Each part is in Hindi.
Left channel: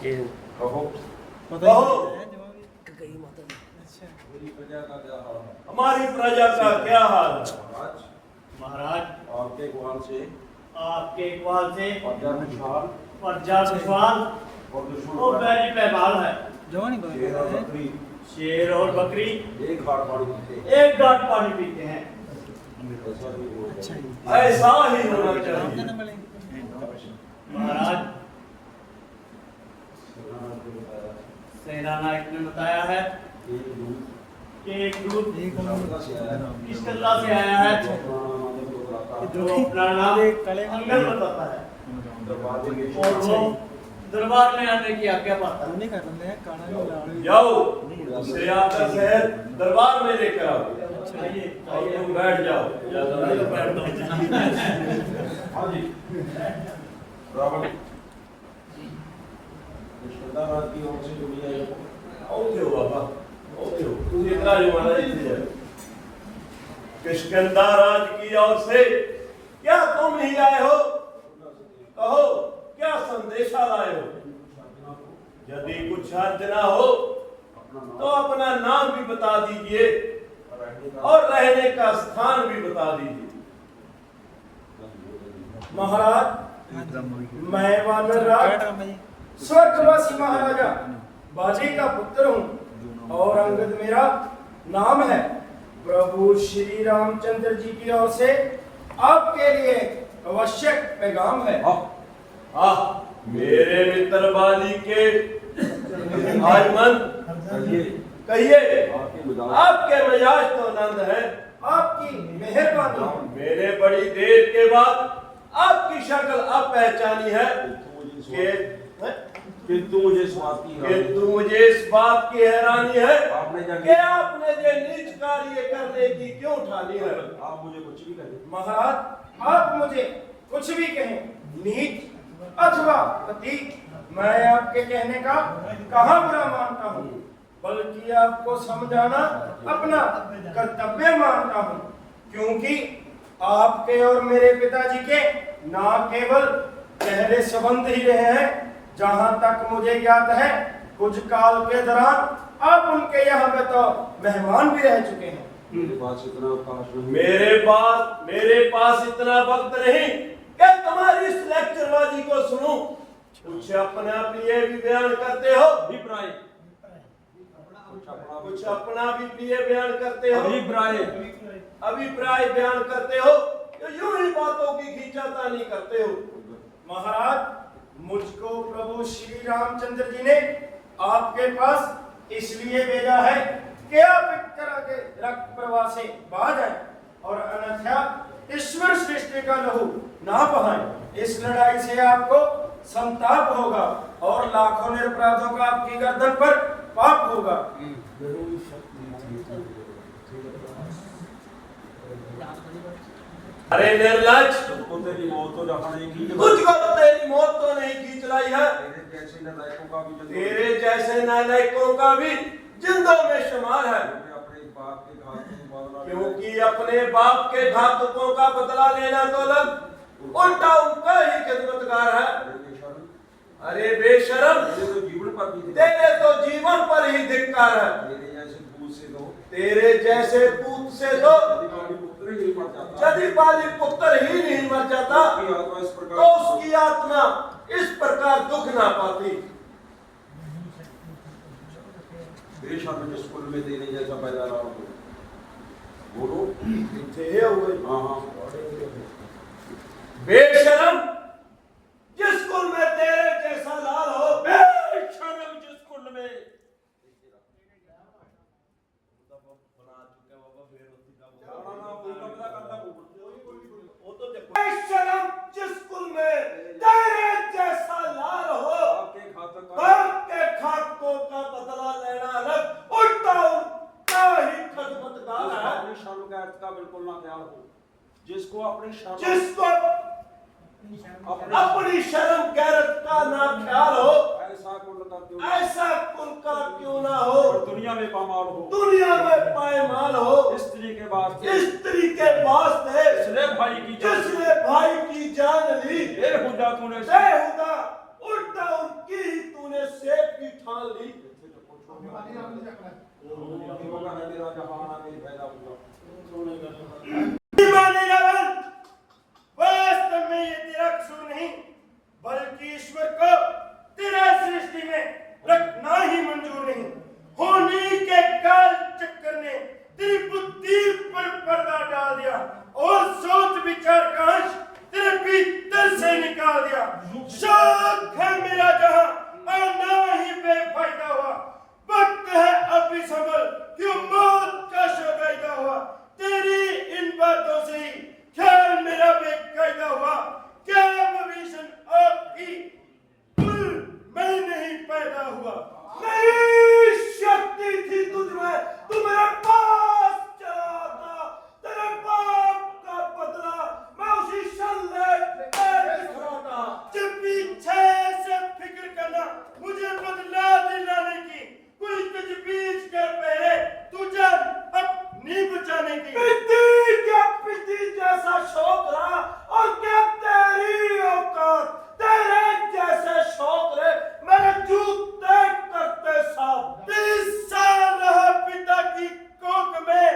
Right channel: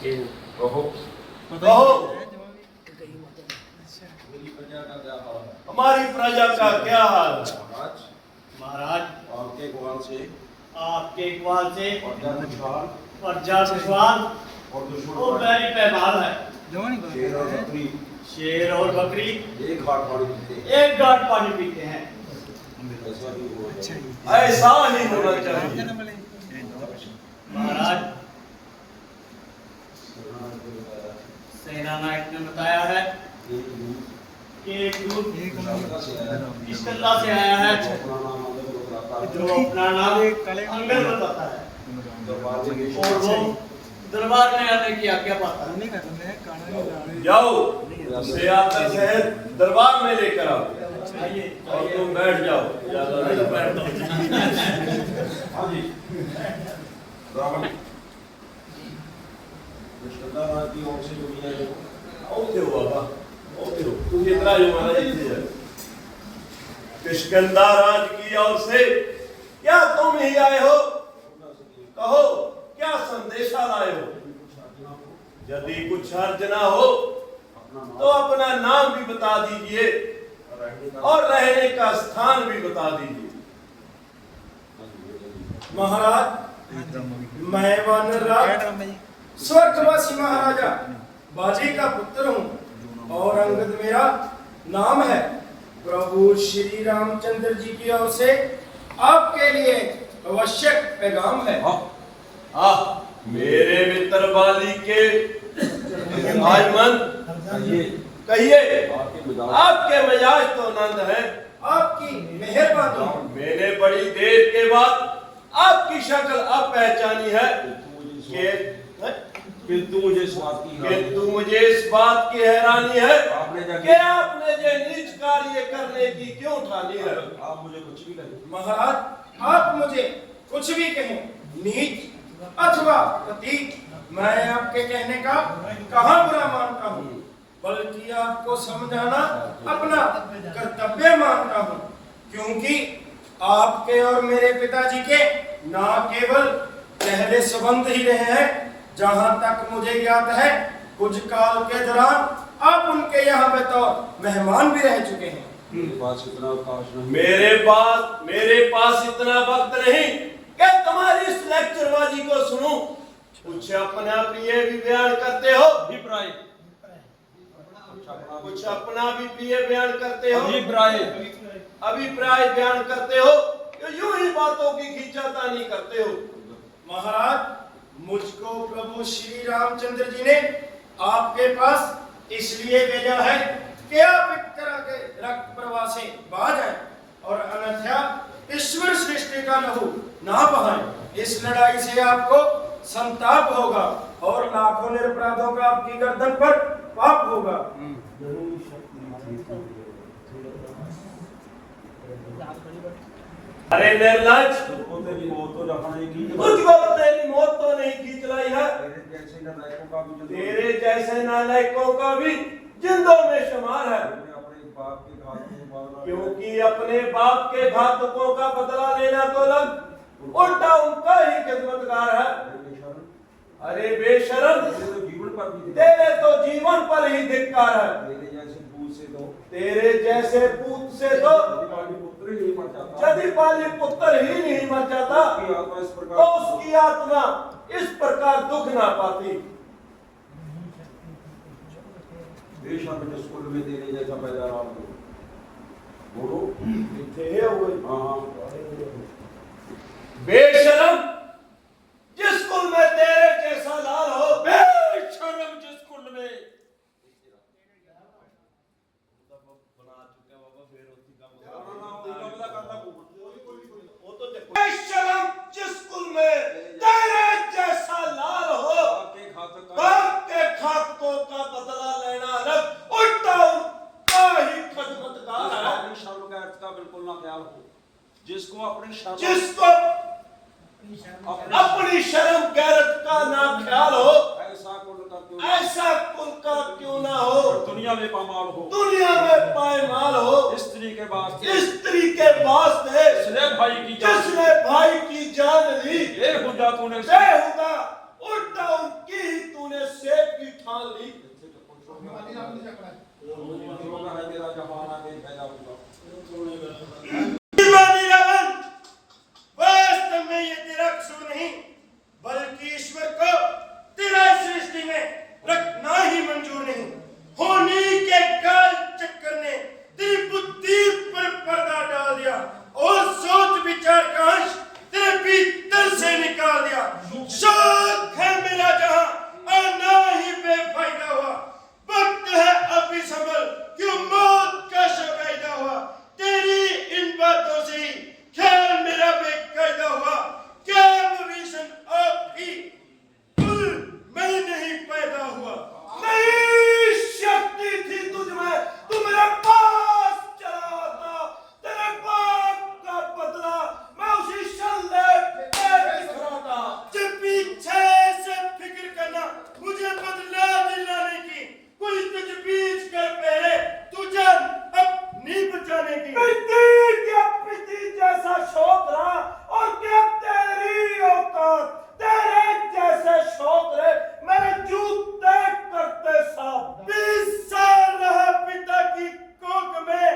कहो कहो मेरी प्रजा का क्या हाल है? हमारी प्रजा का क्या हाल है? महाराज महाराज आपके ग्वाल से आपके इकबाल से प्रजा खुशहाल प्रजा खुशहाल और और दुश्मन बैरी पैमाल है। शेर और बकरी शेर और बकरी एक घाट पानी पीते हैं। एक गांठ पानी पीते हैं। ऐसा भी होना चाहिए। ऐसा ही होना चाहिए। महाराज सेना नायक ने बताया है कि एक दूत इस कल्ला से आया है जो अपना नाम अंगद बताता है और वो दरबार में आने की आज्ञा पाता है। जाओ उसे आकर शहर दरबार में लेकर आओ आइए और तुम बैठ जाओ। मैं तो बैठता हूँ। हाँ जी ब्राह्मण कृष्णदास की ओर से जो मिला है आओ देव बाबा आओ देव तुम इतना जो मना इतनी है किष्किंधा राज की ओर से क्या तुम ही आए हो? कहो क्या संदेशा लाए हो? यदि कुछ अर्ज ना हो तो अपना नाम भी बता दीजिए और रहने का स्थान भी बता दीजिए। महाराज मैं वानरराज स्वर्गवासी महाराजा बाजी का पुत्र हूँ और अंगद मेरा नाम है। प्रभु श्री रामचंद्र जी की ओर से आपके लिए आवश्यक पैगाम है। मेरे मित्र बाली के आजमन कहिए आपके मिजाज तो आनंद है। आपकी मेहरबानी। मैंने बड़ी देर के बाद आपकी शक्ल अब पहचानी है किंतु मुझे इस बात की किंतु मुझे इस बात की हैरानी है कि आपने ये नीच कार्य करने की क्यों ठानी है? आप मुझे कुछ भी कहें। महाराज आप मुझे कुछ भी कहें, नीच अथवा प्रतीक, मैं आपके कहने का कहाँ बुरा मानता हूँ, बल्कि आपको समझाना अपना कर्तव्य मानता हूँ। क्योंकि आपके और मेरे पिताजी के ना केवल गहरे संबंध ही रहे हैं, जहाँ तक मुझे ज्ञात है कुछ काल के दौरान आप उनके यहाँ में तो मेहमान भी रह चुके हैं। मेरे पास इतना अवकाश नहीं। मेरे पास इतना वक्त नहीं कि तुम्हारी इस लेक्चरबाजी को सुनूं। कुछ अपना प्रिय भी बयान करते हो, कुछ अपना भी प्रिय बयान करते हो, अभिप्राय बयान करते हो, यूं ही बातों की खींचातानी करते हो। महाराज मुझको प्रभु श्री रामचंद्र जी ने आपके पास इसलिए भेजा है कि आप इतना के रक्त प्रवाह से बाज आए और अन्यथा ईश्वर सृष्टि का लहू ना बहाए। इस लड़ाई से आपको संताप होगा और लाखों निरपराधों का आपकी गर्दन पर पाप होगा। अरे निर्लज, तुझको तेरी मौत तो रखने की तुझको तेरी मौत तो नहीं खींच लाई है। तेरे जैसे नालायकों का भी जिंदों में शुमार है। अपने बाप के घात को मारना क्योंकि अपने बाप के घातकों का बदला लेना तो लग उल्टा उनका ही खिदमतगार है। अरे बेशरम, तेरे तो जीवन पर ही धिक्कार है। तेरे जैसे पूत से तो यदि बाली पुत्र ही नहीं मर जाता तो उसकी आत्मा इस प्रकार दुख ना पाती। बेशर्म स्कूल में तेरे जैसा पैदा रहा हो। बोलो बेशरम, जिस कुल में तेरे जैसा लाल हो, बेशर्म जिस कुल में बेशरम जिस कुल में तेरे जैसा लाल हो, बाप के खातों का बदला लेना अलग, उल्टा उनका ही खिदमतगार है। शर्म का अर्थ का बिल्कुल ना ख्याल हो। जिसको अपनी शर्म जिसको अपनी शर्म गैरत का ना ख्याल हो, ऐसा कुल का क्यों ना हो, दुनिया में पामाल हो, दुनिया में पायमाल हो। स्त्री के वास्ते जिसने भाई की जान ली, बेहुदा तूने बेहुदा उल्टा उनकी ही तूने ठान ली। होगा है मेरा जहान है मेरी पैदा होगा। दीवानी रावण, वास्तव में ये तेरा कसूर नहीं, बल्कि ईश्वर को तेरा सृष्टि में रखना ही मंजूर नहीं। होनी के काल चक्कर ने तेरी बुद्धि पर पर्दा डाल दिया और सोच विचार का अंश तेरे भीतर से निकाल दिया। शौक है मेरा जहां आना ही बेफायदा हुआ। वक्त है अभी संभल, क्यों मौत का शौकायदा हुआ। तेरी इन बातों से ही ख्याल मेरा बेकायदा हुआ। क्या विभीषण आप ही मैं नहीं पैदा हुआ। नहीं शक्ति थी तुझ में, तू मेरे पास चला था। तेरे पाप का बदला मैं उसी शल्ले पे खड़ा था। जब पीछे से फिक्र करना मुझे बदला दिलाने की, कोई तजवीज कर पहले तू जान अपनी बचाने की। पिती जैसा शौक रहा और क्या तेरी औकात। तेरे जैसे शौक रहे मेरे जूते करते साफ। 20 साल रहा पिता की कोख में,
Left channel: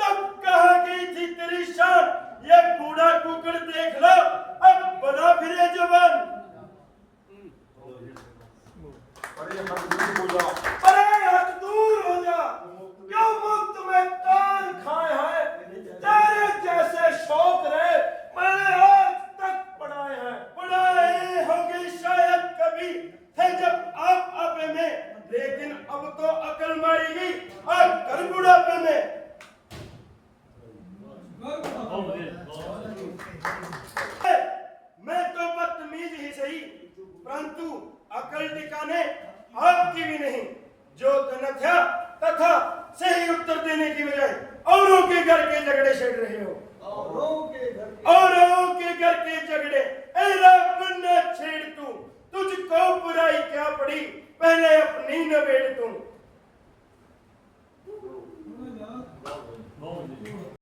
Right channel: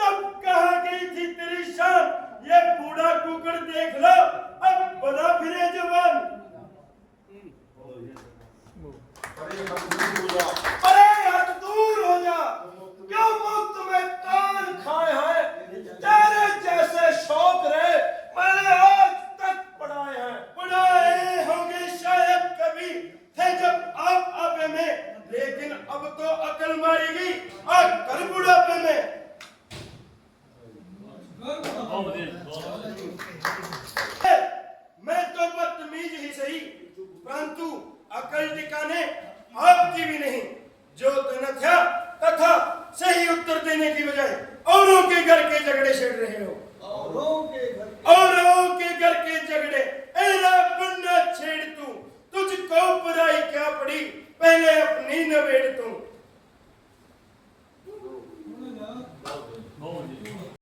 तब कहा गई थी तेरी शान। ये बूढ़ा कुकड़ देख लो, अब बना फिरे जवान। अरे हम दूर हो जा। अरे हट दूर हो जा, क्यों मुफ्त में कान खाए हैं। तेरे जैसे शौक रहे मैंने आज तक पढ़ाए हैं। पढ़ाए होंगे शायद कभी थे जब आप आपे में, लेकिन अब तो अकल मारी गई और कल बुढ़ापे में। मैं तो बदतमीज ही सही, परंतु अकल टिकाने आपकी भी नहीं। जो तनख्या तथा सही उत्तर देने की बजाय औरों के घर के झगड़े छेड़ रहे हो। औरों के घर के झगड़े ऐरा बनना छेड़ तू। तुझको बुराई क्या पड़ी, पहले अपनी नवेड़ तू।